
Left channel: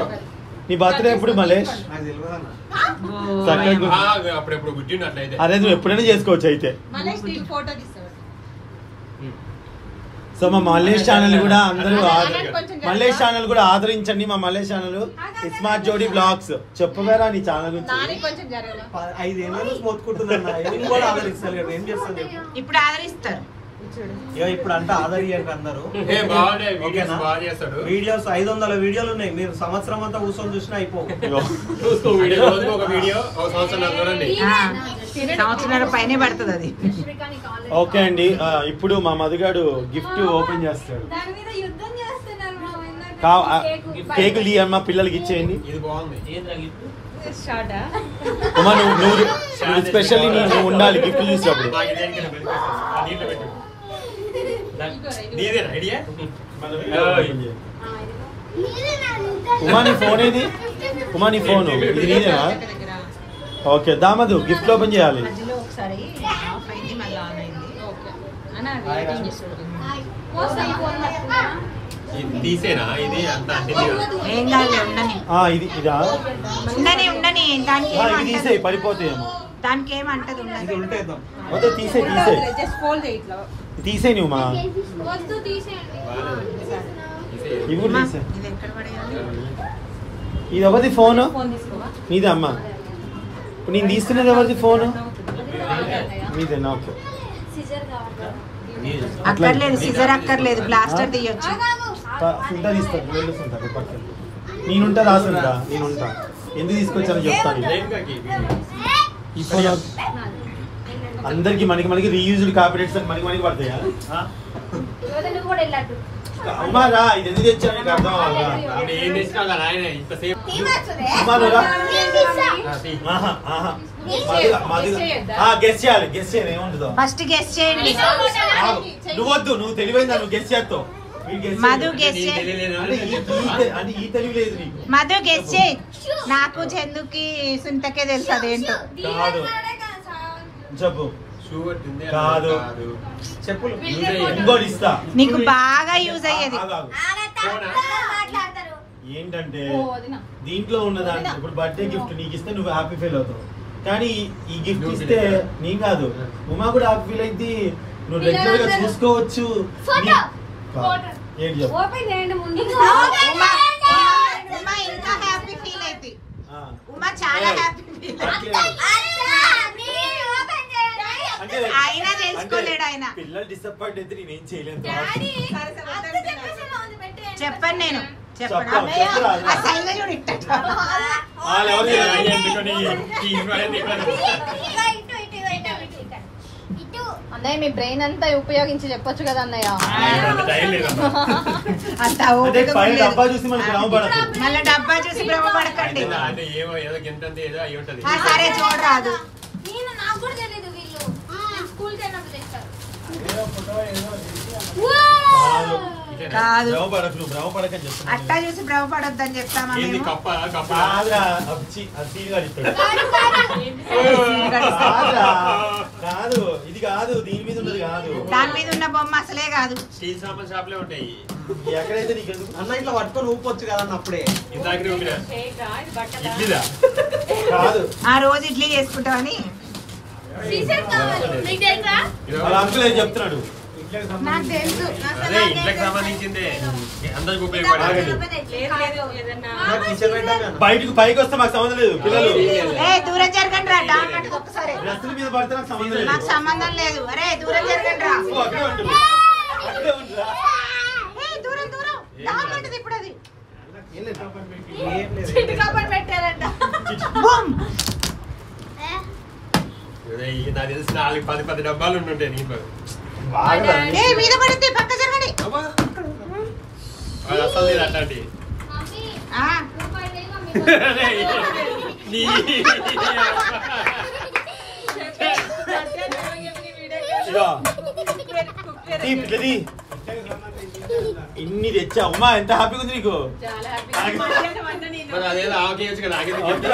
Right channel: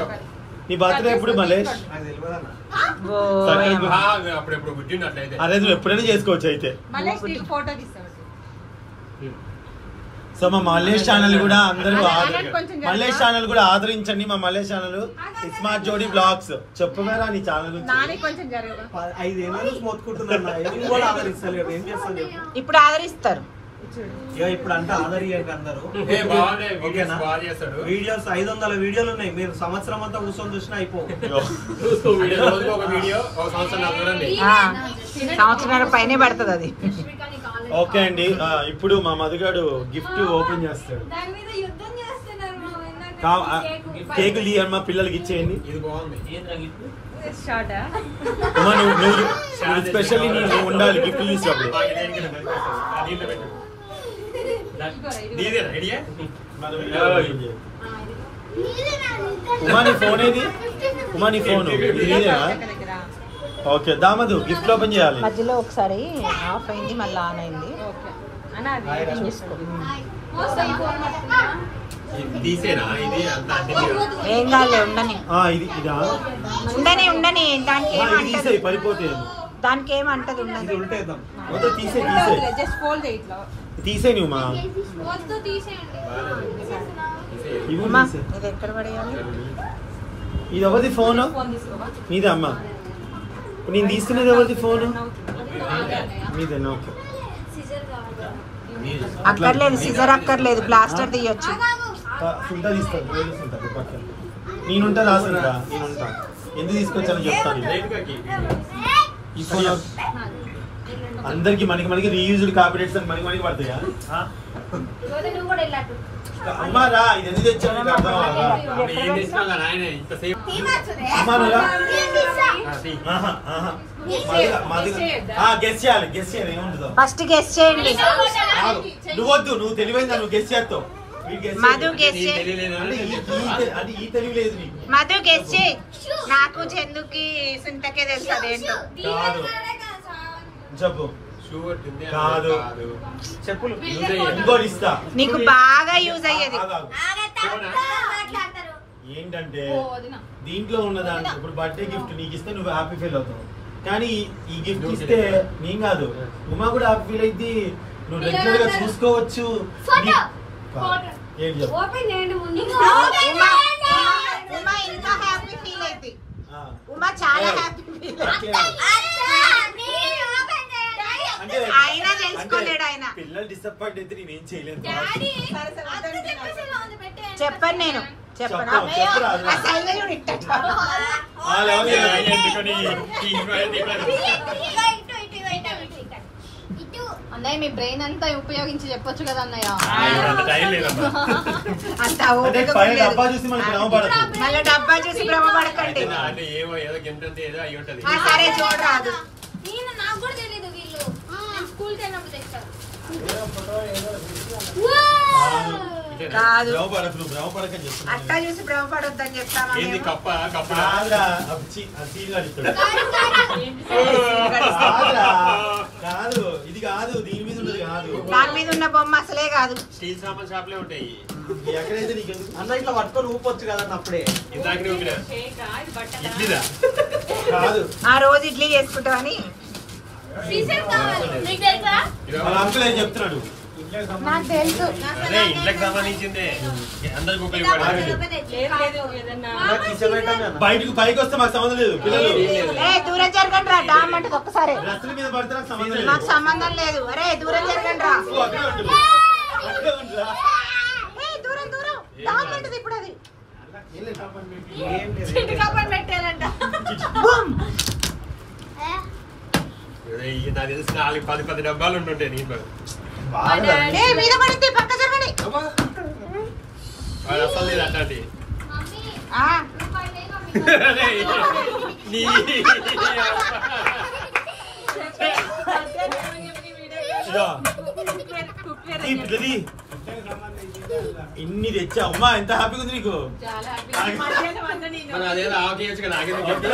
నీ బర్త్డే ఎప్పుడు మలేష్? నాకు తెలియదు అన్న. అప్పుడెప్పుడు గుడ్డినట్లయితే అరే నువ్వు ఎప్పుడైనా చేసుకోవచ్చు అయితే. ఫోటో తీస్తాడు. సో మా మల్లేష్ ఛానల్ కూడా అందరూ మల్లేష్ ఛానల్ కూడా ఆదరించండి. మా మల్లేష్ ఛానల్ స్మార్ట్ జోడీ బ్లాగ్స్. చెప్పవేరా నీ ఛానల్ గురించి? 5 ఏళ్ళు మోతుకుంటున్నా. ఎవరు కూడా ఆదరిస్తలేరు. ఏం చేస్తాను చెప్పు. ఇప్పుడు ఆదరిస్తారు. ఇక ఇప్పుడు అంటే ఆదరియండి అందరూ. ఓకేనా? వీడియోస్ 500 వీడియోలు ఉన్నాయి. మీరు సంవత్సరం అంతా కూర్చొని చూసినా అయిపో. రోజుకు ఒక వీడియో ఒక సంవత్సరం చూడండి. సంవత్సరాల పైనే పడుతుంది అది. ఓకే అండి. ఇప్పుడు మా మధుగాడు గిఫ్ట్ ఓపెన్ చేస్తాడు. దాని మీద యుద్ధం చేస్తున్నారు కేక్ లీ అని మా పిల్లలకి ఇచ్చేయండి. ఇది బాగుంది. ఉమా నువ్వు స్పెషల్లీ నువ్వు ఉండాలి గిఫ్ట్ చూసినప్పుడు. ఉమా నీ ఫోన్ ఏది? ఉమా నీ ఫోన్ ఇది నీదేనా? ఓకే దామదు గిఫ్ట్ ఓపెన్ చేయాలి. మధ్యలో ఒకసారి ఆఫ్ అయింది మళ్ళీ ఆన్ అయింది. తీసేనా ఇది అంతా? ఏం కాదు ఉండని ఇది ఇదా? ఉండని ఉండని దానికి ఇది తీసేయి పడిపోతాయేమో. దానికి ఏమంటది ఉండని. ఇది ఉంటేద్దాం. మొత్తం తీసేయి జస్ట్ ఫోల్డ్ చేయి ఇట్లా. తీసేయి నువ్వు మా వద్దు తీసేయండి. ఇవి ఉమా, తీసేయి. ఇది ఎక్కడ పడేయాలి? ఇది ఎవరిది ఫోన్? నీదే అమ్మ. నేను తీసుకునేది ఎవరిది ఫోన్? మీదే. నాకు అక్కర్లేదు సిజర్ అక్కర్లేదు బ్లాస్టర్ తీయొచ్చు. ఫుల్టా తీస్తాను. వెళ్ళుకుంటాను పక్కన. నేనుంటా రాసుకుంటా. నేనుంటా. ఎందుకు తీసుకొచ్చాను చెప్తాను. ఇప్పుడు అందరికి మనకి రీయూజ్డ్ కాపీరేట్స్ అని మనకి పడతాయా? అమ్మారా ఇది ఎందుకు తెచ్చాను అర్థం అవ్వదా? ఏం తెచ్చినా కదా ఆయన ఇంతసేపు గెస్ చేయాలి. గెస్ చేయాలి ఏముంటుందో. ఫస్ట్ గెస్ చేయండి. నువ్వొద్దు నువ్వు తెలివైందా? నువ్వు గెస్ చేస్తావు. మధు గెస్ చేయి. అంటే ఈ తెలివి లేదు నీకు. మధు గెస్ చేయి. నాకు చందుకి సుంతకే తెలుసు అదేంటో. కాదు చెప్పు. కాదు చెప్పులు ఇంకోటి ఇస్తా. నీకు బాగా యూజ్ అయ్యేది. ఏంటంటే దీంట్లో ఉన్నదాన్ని ఇప్పుడు బర్త్డే గిఫ్ట్ నీకు ఇస్తే నువ్వు హ్యాపీ ఫీల్ అవుతావు. కానీ ఈ గిఫ్ట్ ఇస్తే నీ కాదు ఉమా కూడా హ్యాపీ ఫీల్ అయింది. నువ్వు రెగ్యులర్ గా చూసుకోవచ్చు. ఏంటి చెప్పు. ఉమా ఇంకా హ్యాపీ ఫీల్ అయితే. ఉమా చాలా హ్యాపీ ఫీల్ ఆయన తెలుసుకోలేడు. ఆయన పిల్లలు డిసప్పాయింట్ అయితే నేనేం చేయలేను. చెప్పను నేను చెప్పను. అన్నయ్య మీ బ్రెయిన్ అంతా ఉపయోగించి చెప్పొచ్చు కదా అన్నయ్య. డబ్బా చూసి మనకి భ్రమపడదు. మళ్ళీ డబ్బా చూసి భ్రమపడకండి. సరే చూడరాదు. నాకు కూడా తెలీదు వీళ్ళు స్కూల్ వెళ్ళినప్పుడు తెస్తారు. కాదు భ్రమపడకని చెప్తున్నా. అట్టా చూసి భ్రమపడొద్దని చెప్తామా మేము? కాదు ఇది కాదు. దీని మీద ఉన్నది కాదు. దాని మీద ఉన్న బొమ్మ అసలే కాదు. స్టీల్ సామాన్ షాప్ లో ఉంటాయి. ఎక్కడైతే నీకు అన్న ఇట్లా పట్టుకొని ఊపొచ్చు కదా అప్పుడే. ఇందాకనే ఉందిరా. కాదు ఆ రోజు ఇడ్లీ చేసుకుంటామని వాళ్ళ అంకుల్ ఏం చెప్తున్నాడు. నాకు తెలుసు. అదే ఇంట్లోకి సంబంధించిందే అందరికి ఉపయోగపడాలి. బయటకు పైకి వస్తే మాకు సంబంధం లేదు. పిల్లలు దూరం జరగండి రా. డామ్ అంటే ఒక్కసారి డ్రెస్సుల మీద పడితే నాకు సంబంధం లేదు. నాకు సంబంధం లేదు. అరే దూరం జరగండి రా. దూరం దూరం డామ్ అంటది ఇప్పుడు అది. చిట్టు కప్పని పెట్టారంట. బూమ్. నాకు తెలిసి 4-10 డబ్బాలు ఉంటుంటే నీకు మీద పడితే పక్క జరగని అసలు లేదు అట్లాంటి ఇన్ని తెచ్చా అమ్మా ఎంత హ్యాపీగా ఉంది నీకు. అదేదో ఆవకేయచ్చు కదా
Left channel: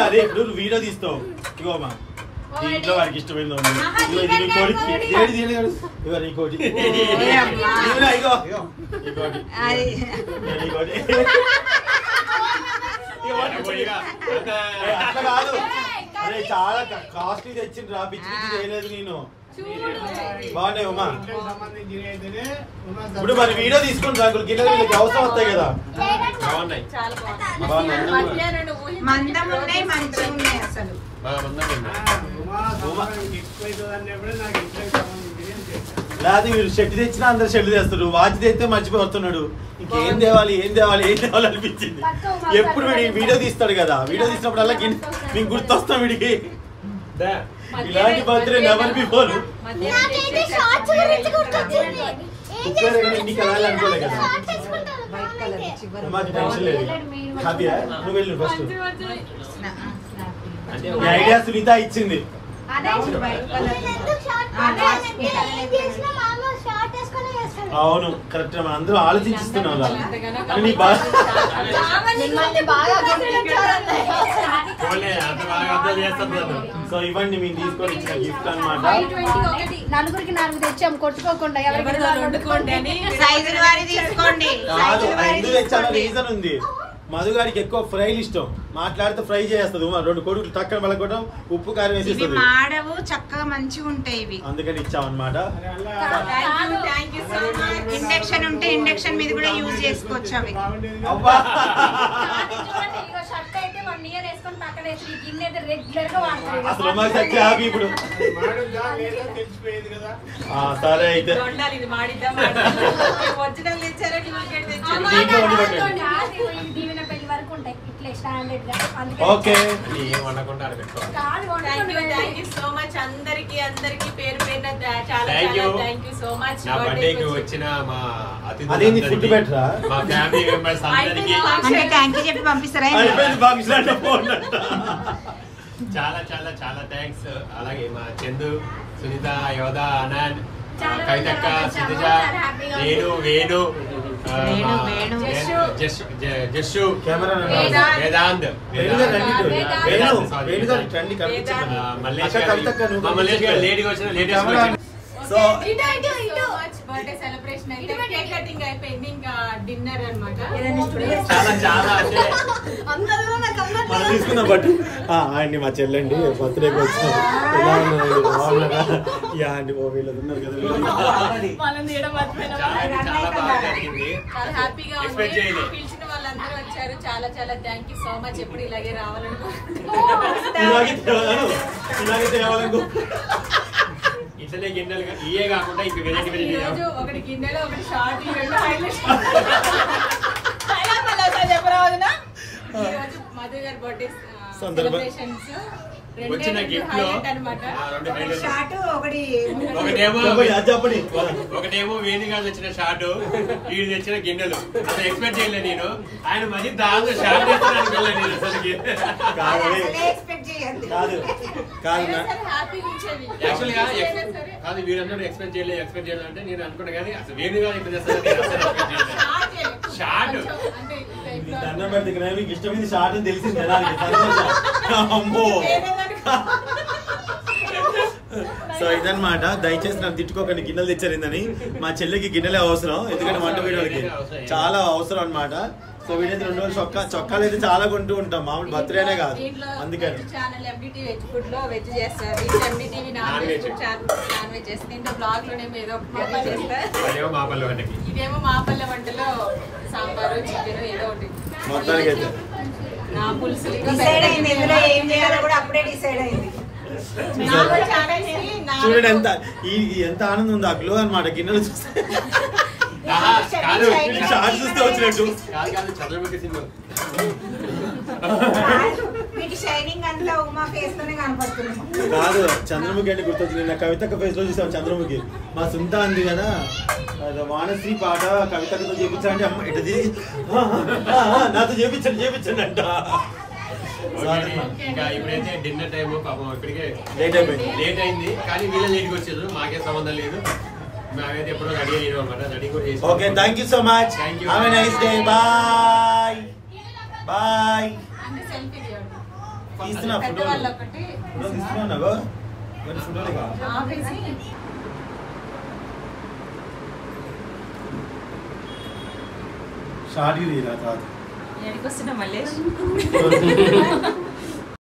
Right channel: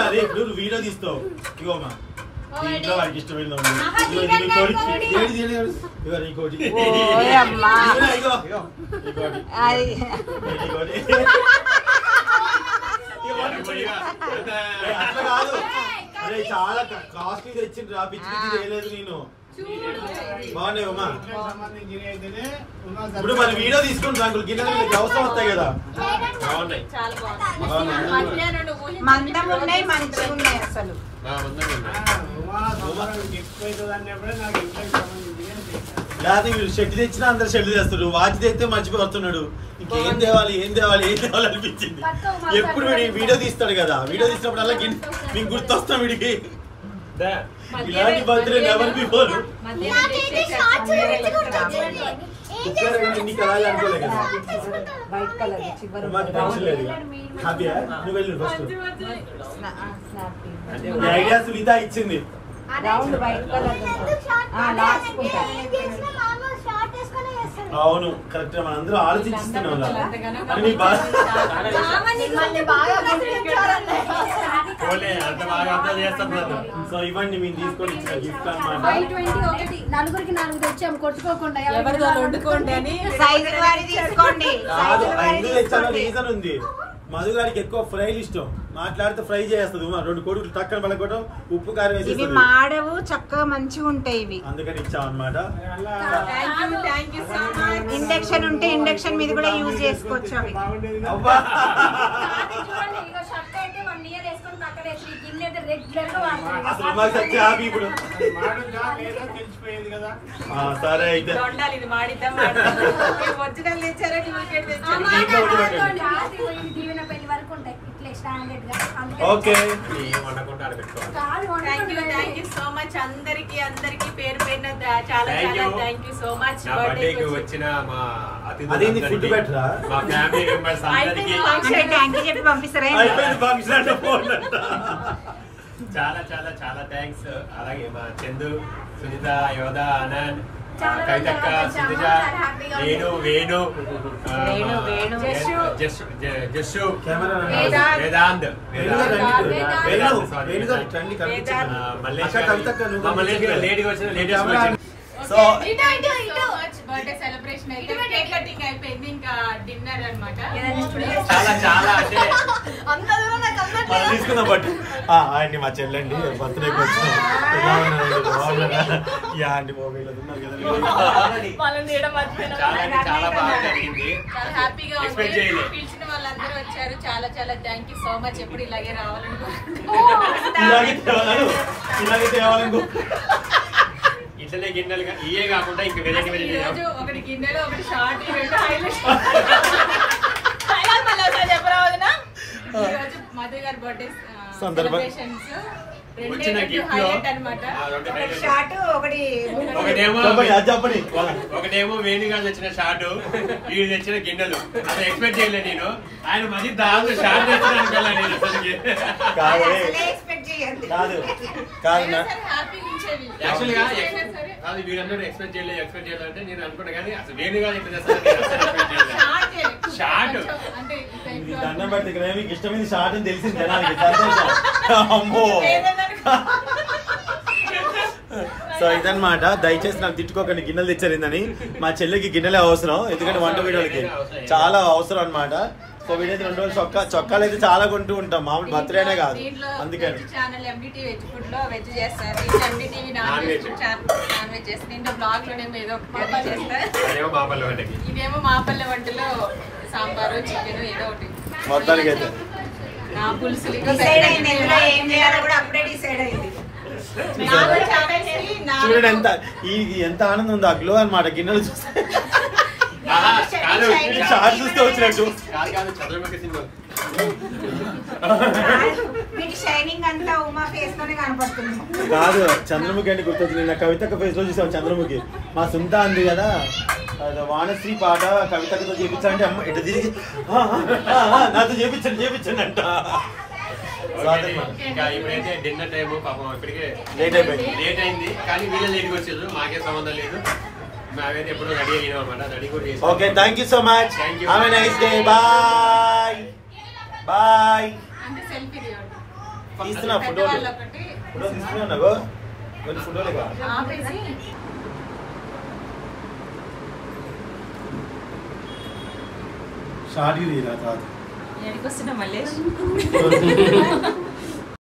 అదే ఇప్పుడు నువ్వు వీడియో తీస్తావు ఇగో అమ్మా దీంట్లో వాడికి ఇష్టమైన అట్లా కాదు. అరే చాలా కాస్ట్లీ తెచ్చింది రా, పిచ్చి పిచ్చి చేయలేదు నేను. బాగున్నాయమ్మా. ఇప్పుడు మరి వీడియో తీసుకుని రా, గిన్నెలు వీళ్ళకి అవసరం వస్తాయి కదా. బాగున్నాయి మందం ఉన్నాయి మంచిగా ఉన్నాయి అసలు. లేదా మీరు షెడ్ తెచ్చినా అందరు షెడ్ తెస్తారు, వాచ్ తెస్తే మర్చిపోయి వస్తున్నాడు. ఇంకేం తేవాలి ఏం తేవాలి ఏం తేవాలి అనిపించింది. ఎప్పుడు వీడియో తీస్తాడు కదా, వీడియో తీసినప్పుడు అలా మీకు గుర్తొస్తాం వీడికి. ఇలాంటి బర్త్డే నెవర్ బిఫోర్. నీకు అలాగే అనుకోలే కదా, మాకు టెన్షన్ లేదు. హ్యాపీయా? నువ్వు వెళ్ళు ఫస్ట్. ఐడియా సునీత ఇచ్చింది. అవును కరెక్ట్, మనం అందరూ ఆలోచిస్తున్నాం. సో ఇవ్వండి మీరు తీసుకొని ఇచ్చిన గిఫ్ట్ అన్నమాట. నలుగురికి 4 తెచ్చాం కొట్టుకోకుండా రీజన్ ఉంది. మధు గారికి ఎక్కువ ఫ్రైలు ఇష్టం, మాట్లాడితే ఫ్రై చేస్తుంది. 2 కోడిగుడ్లు తక్కని పలకొట్టడం, ఉప్పు కారం వేసి మాడవు చక్కగా మంచిగా ఉంటాయి ఇవి, అందుకని ఇచ్చామన్నమాట. ఇండక్షన్ ఉంటే ఇండక్షన్ మీద కూడా యూజ్ చేసుకోవచ్చు అవి. అసలు మాకు తెచ్చి ఆగి ఇప్పుడు సరే అయితే ఓకే. అందరికి పేరు పేరున చాలా థ్యాంక్ యూ సో మచ్. బర్త్డేకి వచ్చిన మా అదేంది ఫుడ్ పెట్టరా, మా ఫ్యామిలీ మెంబర్స్ అందరికి థ్యాంక్ యూ చెప్పి పంపిస్తారా? చాలా చాలా చాలా థ్యాంక్స్. అలాగే మా చందు, సునీత, యోధ, అనంత్, కవితక్క, సుజిత, నేను, వేణు, జస్సు, వేదాంత్, మల్లేష్ గారు లేడీగా వచ్చిన లేడీస్ సో బర్త్డే సెలబ్రేషన్ అయితే కేక్ కటింగ్ అయిపోయింది, ఇంకా డిన్నర్ అన్నమాట. చాలా చాలా అంటే మనం తీసుకున్న బట్ అండి మా చెల్లండి బర్త్డేకి వచ్చిన ఎలా ఉన్నారండి, బాగున్నారా? యా అండి చాలా బాగా జరిగింది. హ్యాపీగా ఉంది. పిలిచిన వాళ్ళందరూ వచ్చారు, చాలా చాలా థ్యాంక్ యూ సో మచ్. ఎప్పుడు ఇలాగే రావాలనుకుంటున్నాను. ఇట్లనే గిన్నెలుగా ఇవే కాకుండా ఇంకా వెరైటీ ఒకటి గిన్నెలో ఒకటి షార్ట్, 2 హైలైట్స్. చెప్పరావదునా ఈరోజు మధు గారి బర్త్డే సెలబ్రేషన్స్ వచ్చిన గిఫ్ట్ లో ఒకటేమో వేణుగా తెచ్చిన షార్ట్, వీడు తెచ్చిన గిన్నెలు. అసలు ఎక్స్పెక్ట్ చేయలేదు నేను. ఆయన మంచి దాంట్లో షార్ట్ తెచ్చిన అనుకోలే నేను అసలుకి. కాదు వీడందరూ ఎక్స్పెక్ట్ చేయలేదు అంటే నేను అనుకున్నా, కానీ అసలు వేణుగా ఎక్కడ చేస్తాను షార్ట్ దండం పెడితే మీకు ఇష్టమైంది షార్ట్ అని తెలిసింది అమ్మో. సో ఇదన్నమాట, దయచేసి నాకు తిట్టుకోకండి గిన్నెలు తెచ్చారిందని. మా చెల్లికి గిన్నెలే అవసరం, ఎందుకంటే వంట వీడియోకి చాలా అవసరం అన్నమాట. సో వీడైతే 2 రోజులు చొక్కాలు అయితే చాలా కొంటూ ఉంటాం, మామూలు బర్త్డేనే కాదు. అందుకని ఛానల్ ఎండిటీ వెజ్ ఫుడ్ లో వెజ్ చేస్తారు, ఎండిటీవీ నాన్ వెజ్ చేస్తారు. దీంట్లో బ్లాగ్ లోనేమో ఏదో ఒకటి చేస్తారు. ఇదేమో మా పల్లె వంటలో సాంబారు, చికెన్ ఏదో ఒకటి. మొత్తానికి అయితే నా పులుసు చూడండి ఎంత ఆనందం ఉందో ఆ గ్లో అన్నమాట గిన్నెలు చూస్తే. షార్ట్ చూస్తే వచ్చినట్టు చంద్రముఖి సింగ్ మీకు షైనింగ్ అంతా ఉమా ఫేస్ లోనే కనపడుతుంది. కాదు చంద్రముఖి అంటే గుర్తొచ్చింది. కవితక్క ఫేస్ లో చూసావు చంద్రముఖి. మా సొంత అంది కదా వానశ్రీ పాట కవితక్కతో చేపించాలంటే అమ్మ ఎటు తిరిగి నాతో చేపించండి అంట. ఇంకా ఇప్పుడైతే డిన్నర్ టైం పాపం ఇప్పటికే లేట్ అయింది కానీ వీళ్ళ లేట్కి వచ్చారు. మాకే సంబంధం లేదు. మేమైతే ఎప్పుడో రెడీ అయ్యాం అన్నమాట. రెడీ కూడా చేసాం. Okay thank you so much. Thank you. Have a nice day. Bye bye. అంటే సెల్ఫీ తీయండి. తీస్తున్నా ఫోటో పెద్దవాళ్ళు ఒకటి తీసుకున్నావు కొన్ని ఫోటోలు కావాలి. ఆపేసి షార్ట్ తీరా తర్వాత ఎక్కడికి వస్తున్నా మళ్ళీ